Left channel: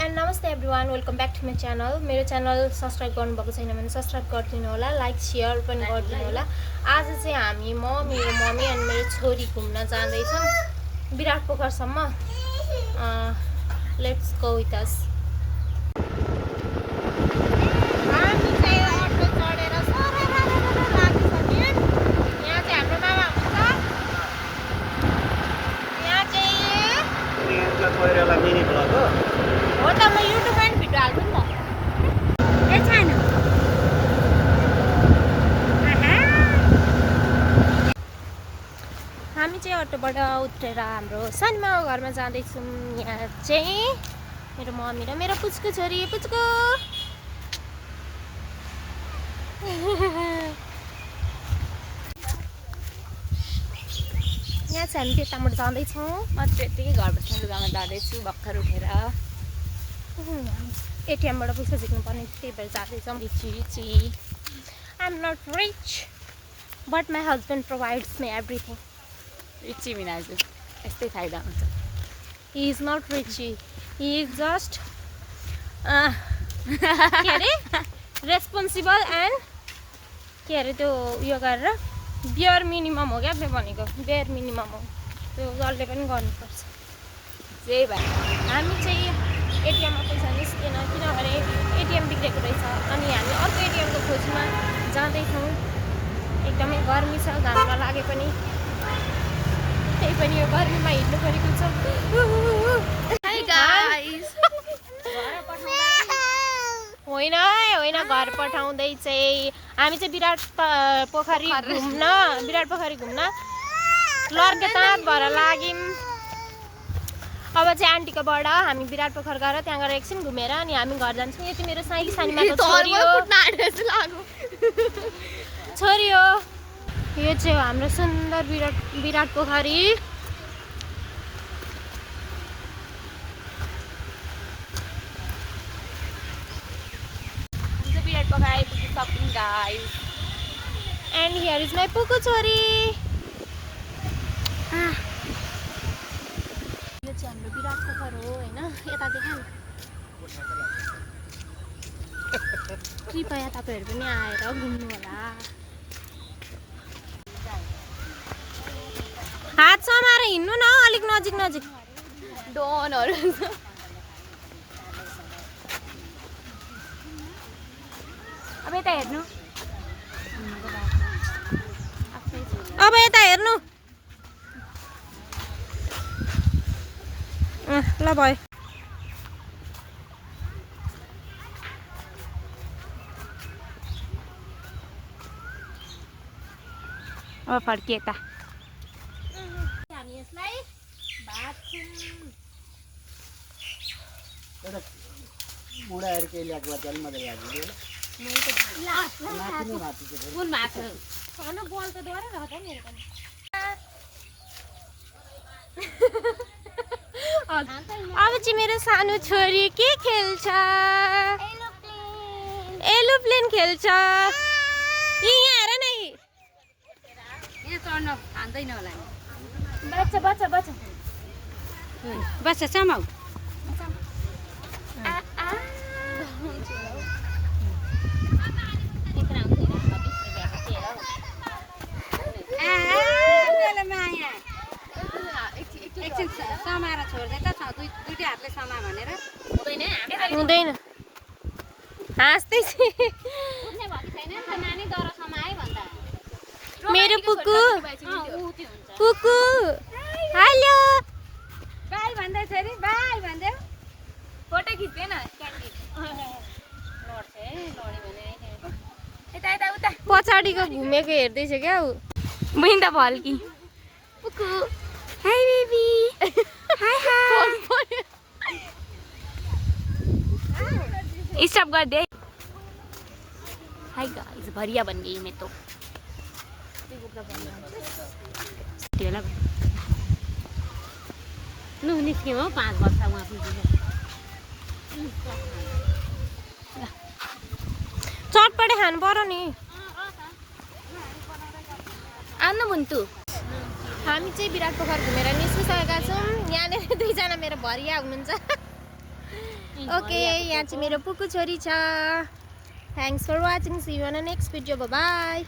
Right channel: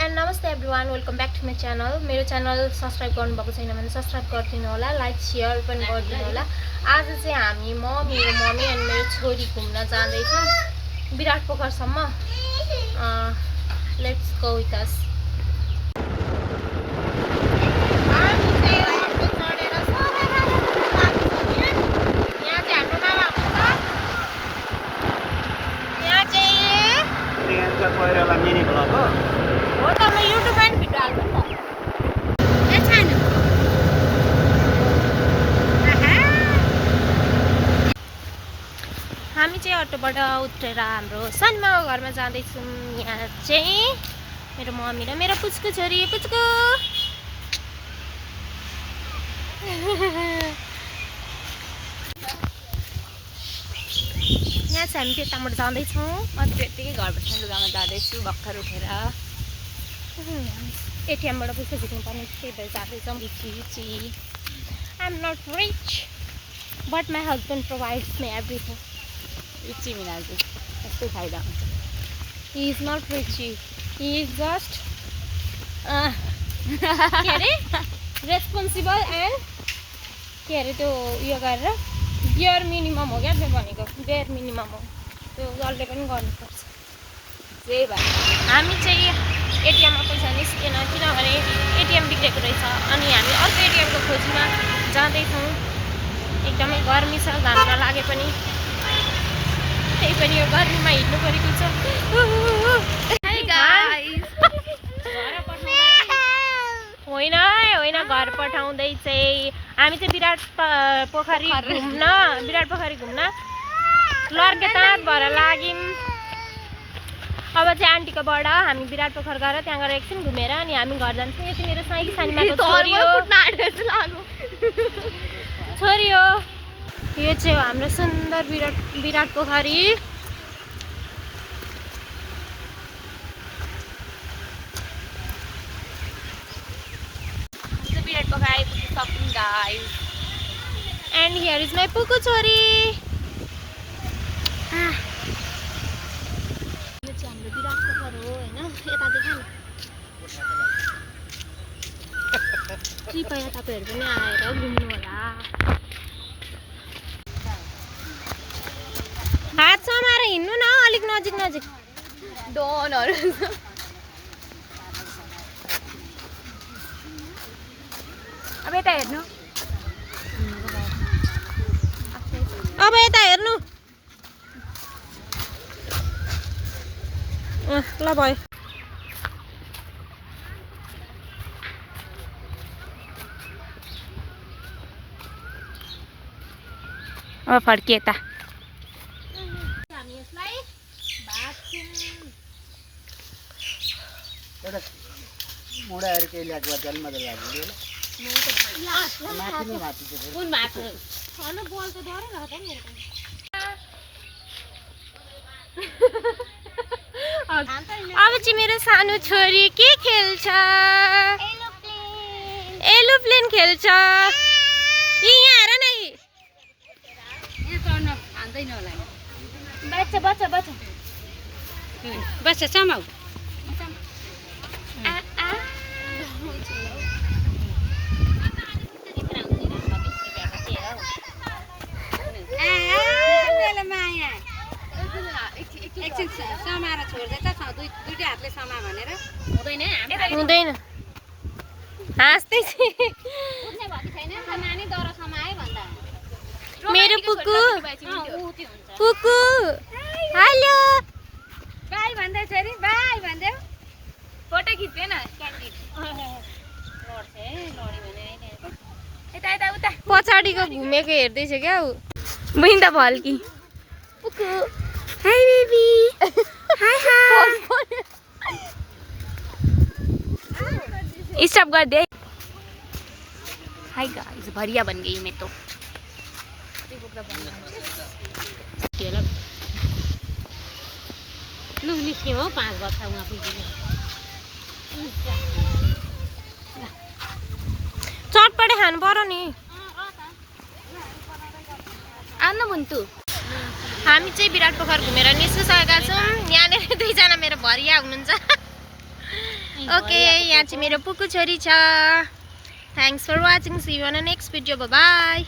And नमस्ते everyone, welcome back to my channel. मेरो channel subscribe गर्नुभएको छैन भने सब्सक्राइब गरिदिनु होला, लाइक सेयर पनि गरिदिनु होला। आज चाहिँ हामी मेरो मम्मी अनि मेरो छोरी घुम्न जाँदैछौँ विराट पोखरसम्म। Let's go with us. हामी चाहिँ अटोबाट उत्रेर हाम्रो सानोमाको घरमा जाँदैछौँ। यहाँ चाहिँ मेरो मम्मी र मेरो पुच्को छोरी पुच्को। यहाँ चाहिँ हामी त्यताबाट जाँदैछौँ। म त्यतिकै घर बस्ने लुगामा जाँदैछु भर्खर उठेर। एटिएमबाट पैसा झिक्नुपर्ने त्यही भएर जाँदैछौँ। I am not rich but my husband provides me everything. रिची मिनाजी यस्तै फाइदा हुन्छ। He is not richie, he is just के अरे रेस्पोन्सिबल एन्ड के अरे त्यो उयो गरेर बियर मिनिमम हो क्या त्यो भनेको। बियर मिनिमम हो त्यो, जसले पनि गर्नुपर्छ। त्यही भएर हामी चाहिँ एटिएममा पैसा निस्केन किनभने एटिएम बिग्रेको रहेछ अनि हामी अर्को एटिएमको खोजीमा जाँदैछौँ। एकदमै गर्मी छ, घाम नलागे पनि त्यही पनि यो गर्मीमा हिँड्नु परेको छ। होइन होइन, घर पठाउँदै चाहिँ हामी चाहिँ विराट पोखरी घुम्न लर्केताँत भएर लाग्यौँ। अब चाहिँ आन्टीकोबाट हामी विराट पोखर गएर त्यहाँ गएर एकछिन घुमेर अनि हामी घर जान्छौँ। यो चाहिँ मेरो सानीमाको छोरी हो। यो चाहिँ हो हाम्रो सुन्दर विराट पोखरी। विराट पोखर आइपुगिसक्यौँ guys. And here is my पुकु छोरी। यो चाहिँ हाम्रो विराट पोखर हो होइन। यता देखा न, कृपया तपाईँहरू पनि आएर घुम्नु होला। हात समाएर हिँड्नु न, अलिक नजिक नजिक। डोनहरू अब यता हेर्नु, अब यता हेर्नु। ल भयो। अब फर्किए यता। हामी यसलाई मुडाहरू केही ल्याएको भए चाहिँ मजा लाग्यो। माथि नै माथि चाहिँ बल त डरै रहेछ मेरो पनि। अब चाहिँ मेरो सानो छोरी के खेल्छ? एरोप्लेन खेल्छ। यहाँ हेर न, बच्चा समाउ। हुँदैन हाँस्दै मेरो पुकु हेलो बाई भन्दै छोरी, बाई भन्दै फोटो खिच्दैन क्यान्डिड यता उता पछाडिको घुमेको हेर्दैछ क्या ऊ। बहिनी त भल्की। पुकु हाई बेबी। हाई स्टॉप कर दे। हाय गाइस, भरिया बन गई मैं तो। निस्क्यो हो 5 वर्ष उहाँ पुगेको। चटपटे खानु पर्यो नि। आउनु मुन्तु। हामी चाहिँ विराट पोखर घुमेर निस्किसकेका छौँ। यहाँनिर दुईजना मेरो भरिया हुनुहुन्छ। ओके यहाँ चाहिँ मेरो पुकु छोरी छ thanks for watching see you on next video by